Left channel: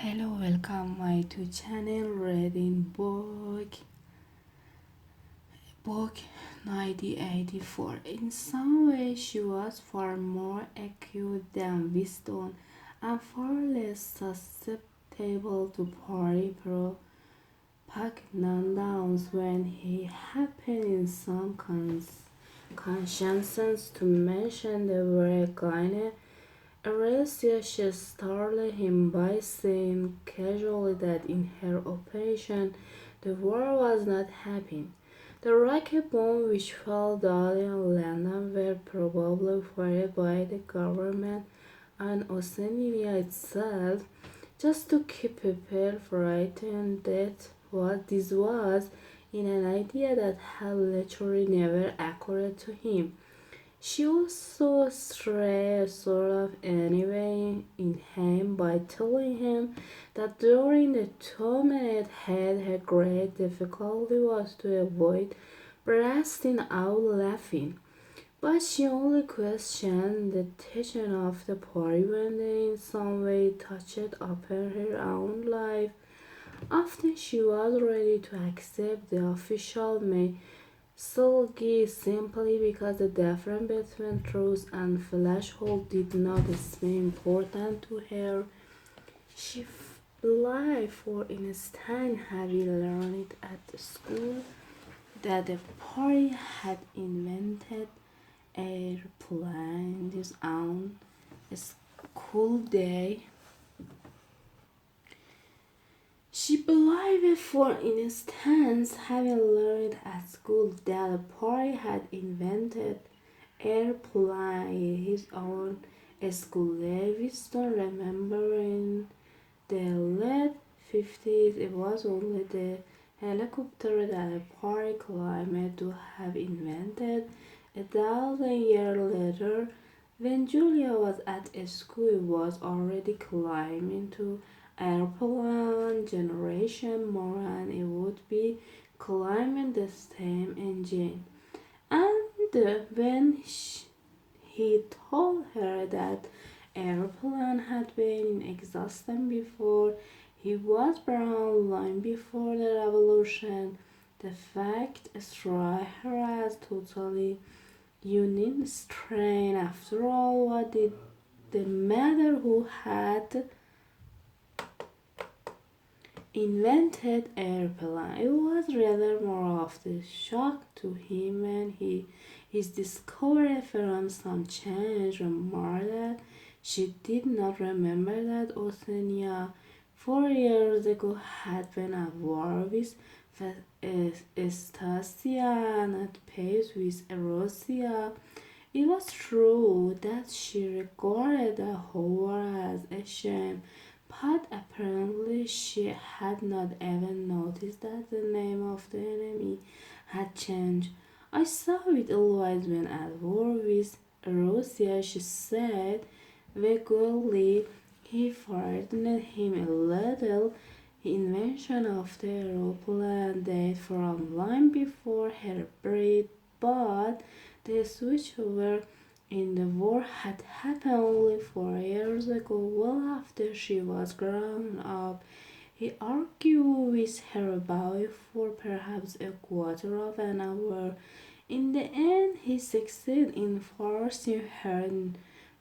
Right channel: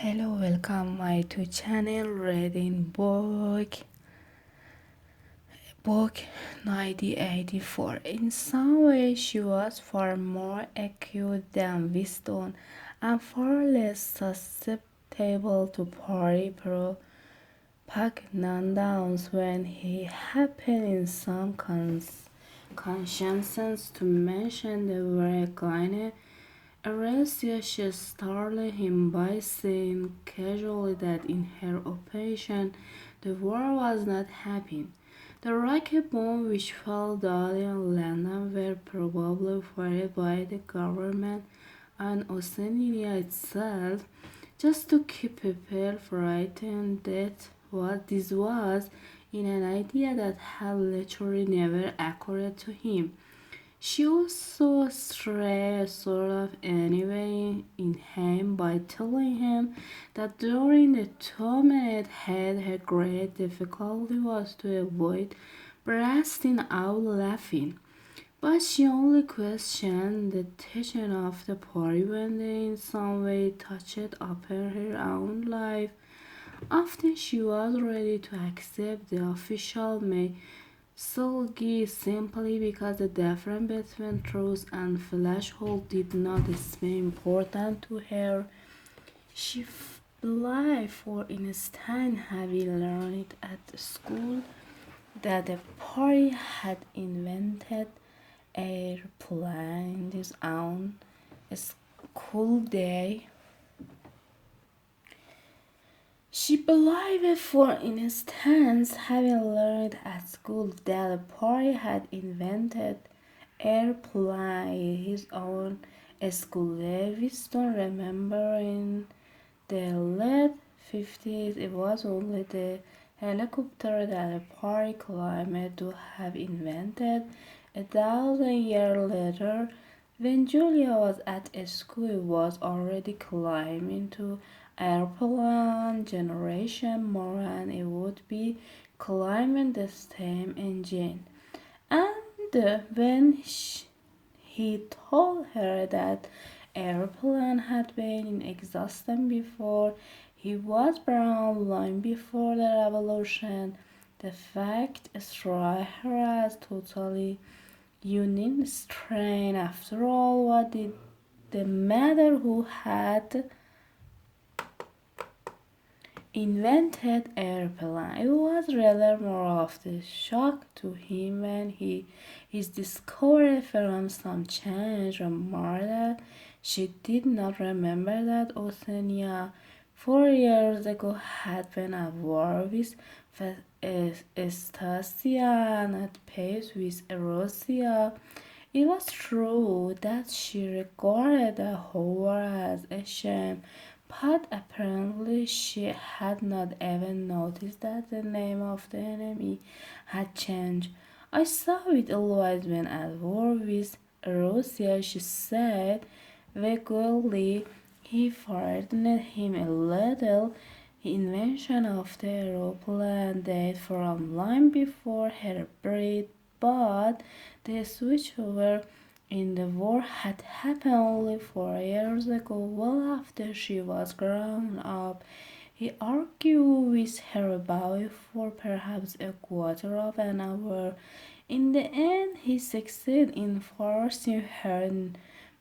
Hello, welcome my to channel reading book 1984. In some ways, she was far more acute than Winston and far less susceptible to party propaganda when he happened in some consciences to mention the word gyne. Aresia startled him by saying casually that in her occupation the war was not happening. The rocket bomb which fell down in London were probably fired by the government and Oceania itself just to keep people frightened. This was in an idea that had literally never occurred to him. She also strayed sort of anyway in him by telling him that during the 2 minutes had her great difficulty was to avoid bursting out laughing. But she only questioned the tension of the party when they in some way touched upon her own life. Often she was ready to accept the official sulky simply because the difference between truth and falsehood did not seem important to her. She believed, for instance, having learned at school that the party had invented airplanes on a school day. She believed, for instance, having learned at school that the party had invented airplane his own school day. We don't remember in the late 50s it was only the helicopter that the party claimed to have invented. 1,000 years later, when Julia was at school, it was already climbing to airplane generation more and it would be climbing the same engine. And he told her that airplane had been in existence before he was born, long before the revolution, the fact struck her as totally unique strange. After all, what did the matter who had invented airplane? It was rather more of the shock to him when his discovery found some change remarked that she did not remember that Oceania 4 years ago had been at war with Estacia and at peace with Erosia. It was true that she regarded the whole war as a shame, but apparently she had not even noticed that the name of the enemy had changed. I saw it always when at war with Russia, she said vaguely. He frightened him a little. The invention of the aeroplane date from long before her birth, but the switchover in the war had happened only 4 years ago, well after she was grown up. He argued with her about it for perhaps a quarter of an hour. In the end, he succeeded in forcing her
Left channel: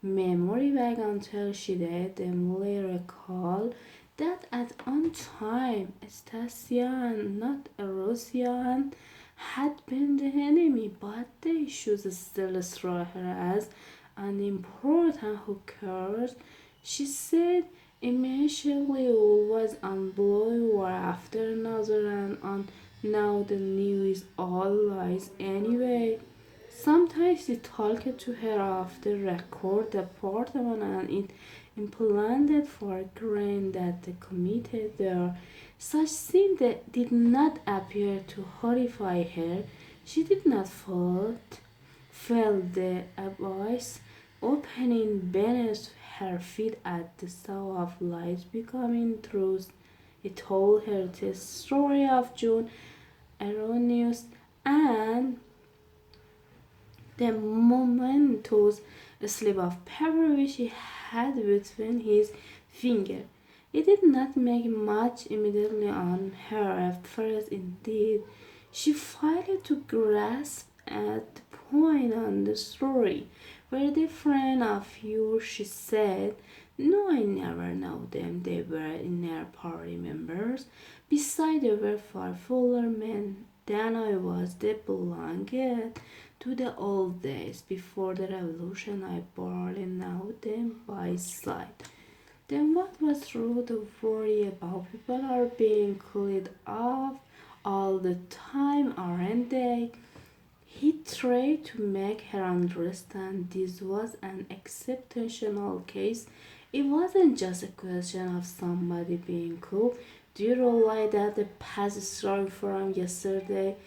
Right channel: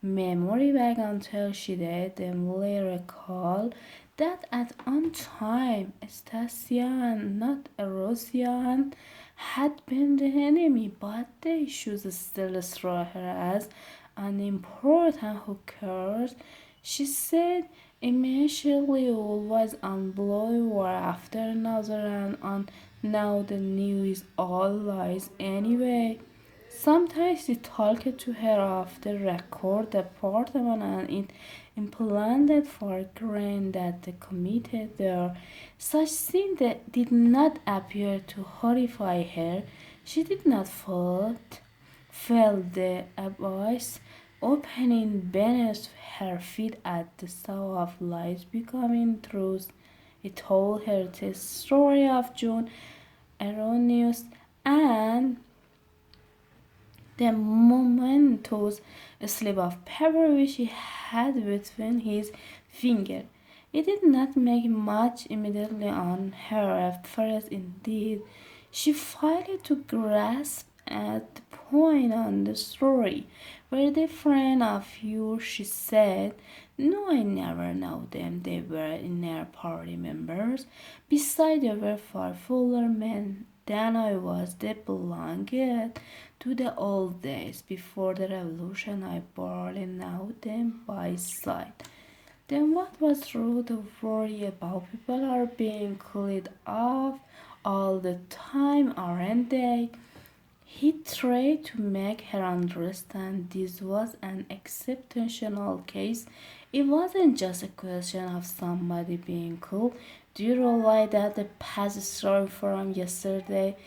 memory back until she did dimly recall that at one time Stasia, not Erosian, had been the enemy, but they should still throw her as unimportant. Who cares? She said immediately always on blow war after another and on now the news all lies anyway. Sometimes he talked to her off the record department and it implanted for grain that they committed there. Such things that did not appear to horrify her. She did not feel the abyss opening beneath her feet at the thought of lies becoming truth. He told her the story of John Erroneous and the momentous slip of paper which he had between his fingers. It did not make much immediately on her at first, indeed. She failed to grasp at the point on the story. Were they friends of yours? She said. No, I never know them. They were inner party members. Besides, they were far fuller men than I was. They belonged to the old days before the revolution. I barely know them by sight. Then what was true to worry about? People are being killed off all the time, aren't they? He tried to make her understand this was an exceptional case. It wasn't just a question of somebody being cool. Do you realize that the past story from yesterday?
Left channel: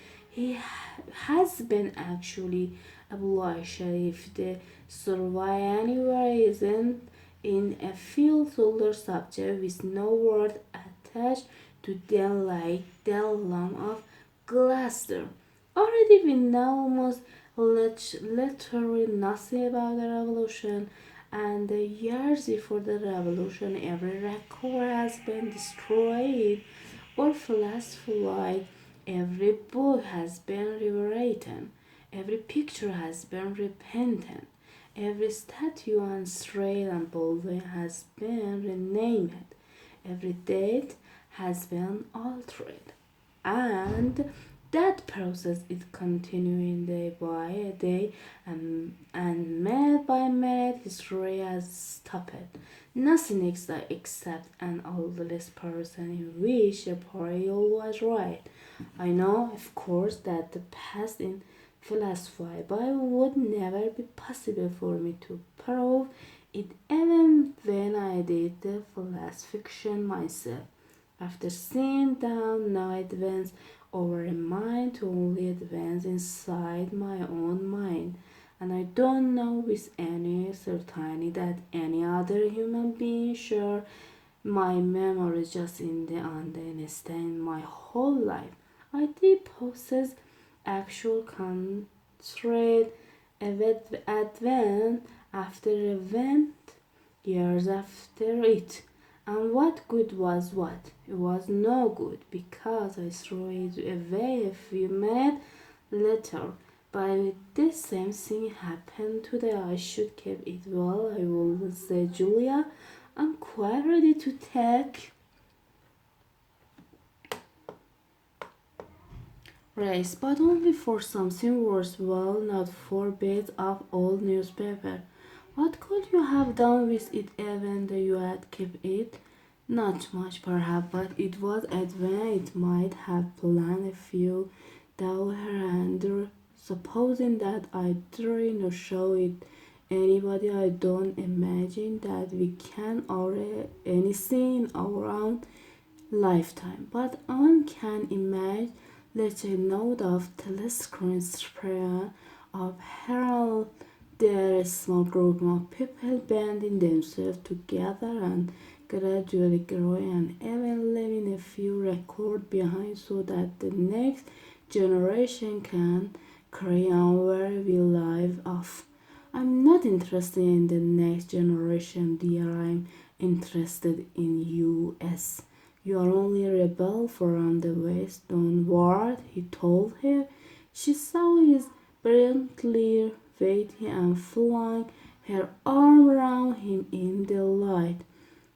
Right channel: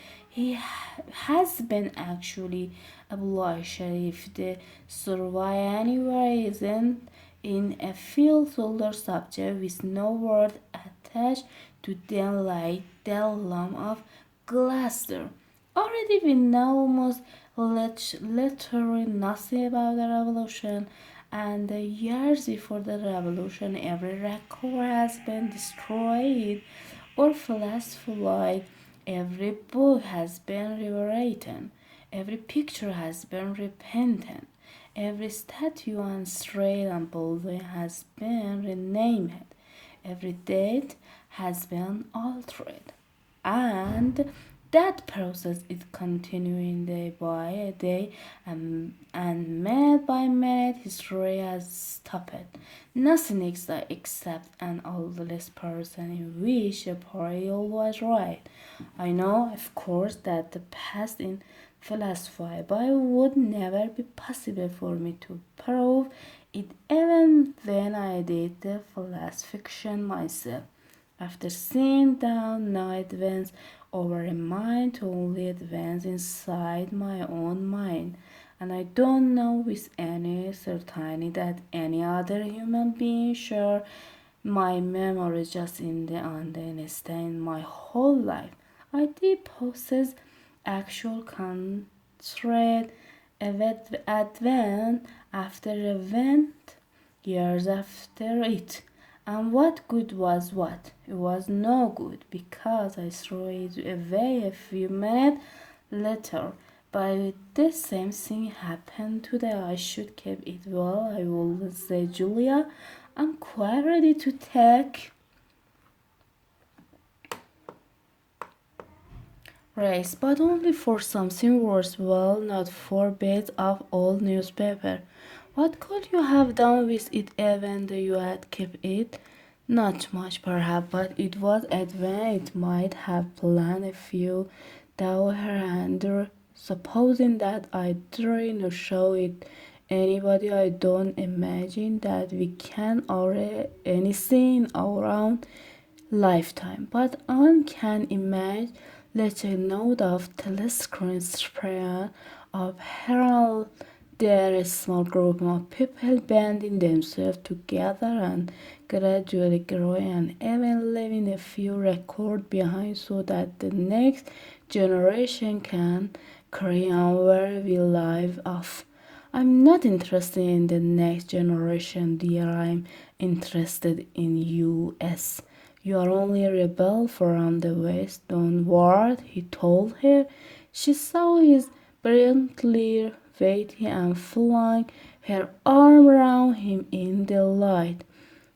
Has been actually abolished if the survey anywhere isn't in a field folder subject with no word attached to them like the lump of glaster. Already we know almost literally nothing about the revolution, and the years before the revolution, every record has been destroyed or falsified. Every book has been rewritten. Every picture has been repainted. Every statue and street and building has been renamed. Every date has been altered. And that process is continuing day by day, and minute by minute history has stopped. Nothing exists except an oldest person in which a party was right. I know, of course, that the past in philosophy, but it would never be possible for me to prove it even when I did the philosophy fiction myself. After seeing down, now advance over a mind to only advance inside my own mind. And I don't know with any certainty that any other human being share my memory just in the understand my whole life. I did possess actual concrete advent after event, years after it. And what good was what? It was no good because I threw it away a few minutes later. But the same thing happened today. I should keep it well. I will say, Julia, I'm quite ready to take race, but only for something worthwhile, not for bits of old newspaper. What could you have done with it even though you had kept it? Not much, perhaps, but it was advanced. It might have planned a few thou her supposing that I try to show it anybody. I don't imagine that we can or anything around lifetime, but one can imagine. Let's note of telescreen sprayer of herald there is a small group of people banding themselves together and gradually growing and even leaving a few records behind so that the next generation can carry on where we live off. I'm not interested in the next generation, dear. I'm interested in US. You are only a rebel from the West. Don't worry, he told her. She saw his brilliantly weighty and flung her arm around him in the light.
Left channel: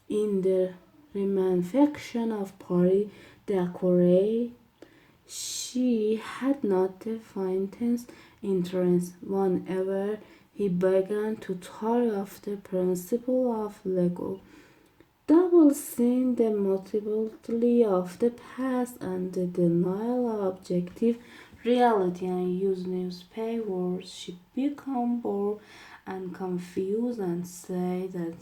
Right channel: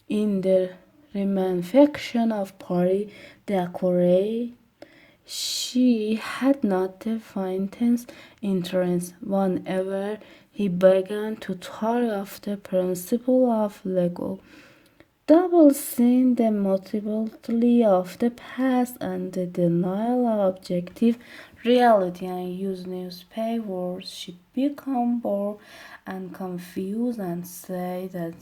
In the ramification of party decoration, she had not the faintest interest whenever he began to talk of the principle of Lego. Double seeing the multiplicity of the past and the denial of objective reality and use newspapers, she became bored and confused and said that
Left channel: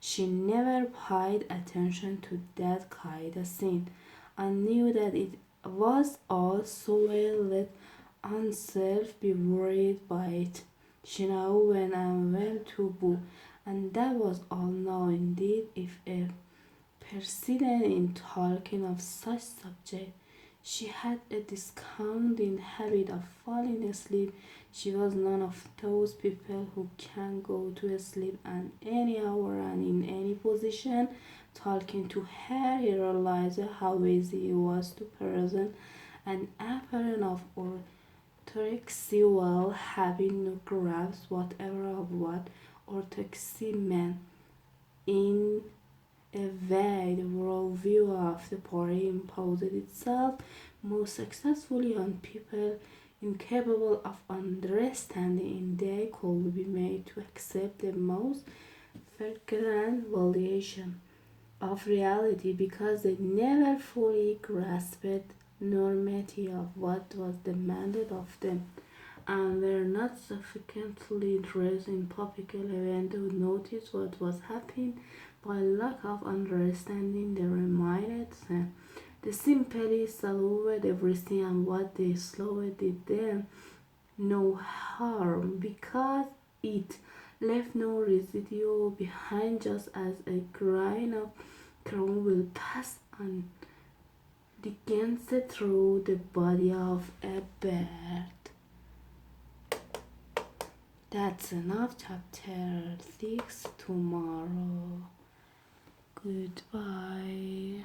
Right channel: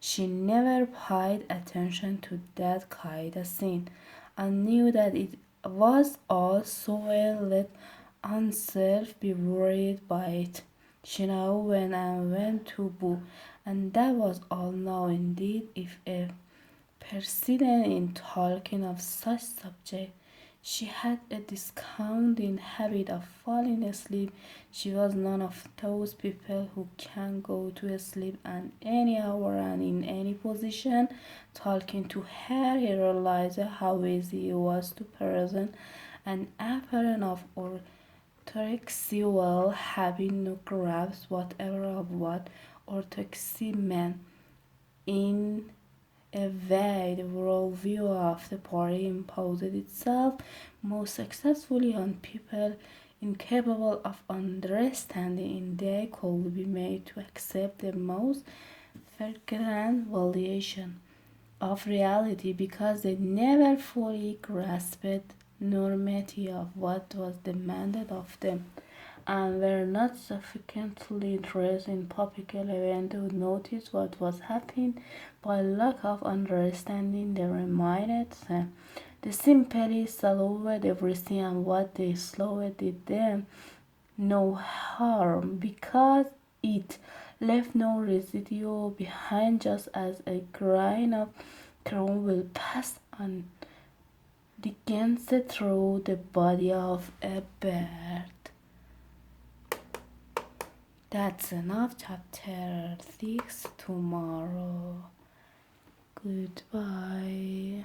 she never paid attention to that kind of thing and knew that it was all so well let oneself be worried by it. She knew when and when to book, and that was all. Now indeed, if a persistent in talking of such subject, she had a discounting habit of falling asleep. She was none of those people who can go to sleep at any hour and in any position. talking to her, he realized how easy it was to present an appearance of orthodoxy while having no grasp whatever of what orthodoxy meant. In a way, the worldview of the party imposed itself most successfully on people incapable of understanding. They could be made to accept the most flagrant violation of reality because they never fully grasped enormity of what was demanded of them and were not sufficiently dressed in public event to notice what was happening. By lack of understanding, they reminded them they simply swallowed everything, and what they swallowed did them no harm because it left no residue behind, just as a grain of corn will pass undigested through the body of a bird. That's enough. Chapter 6 tomorrow. Goodbye.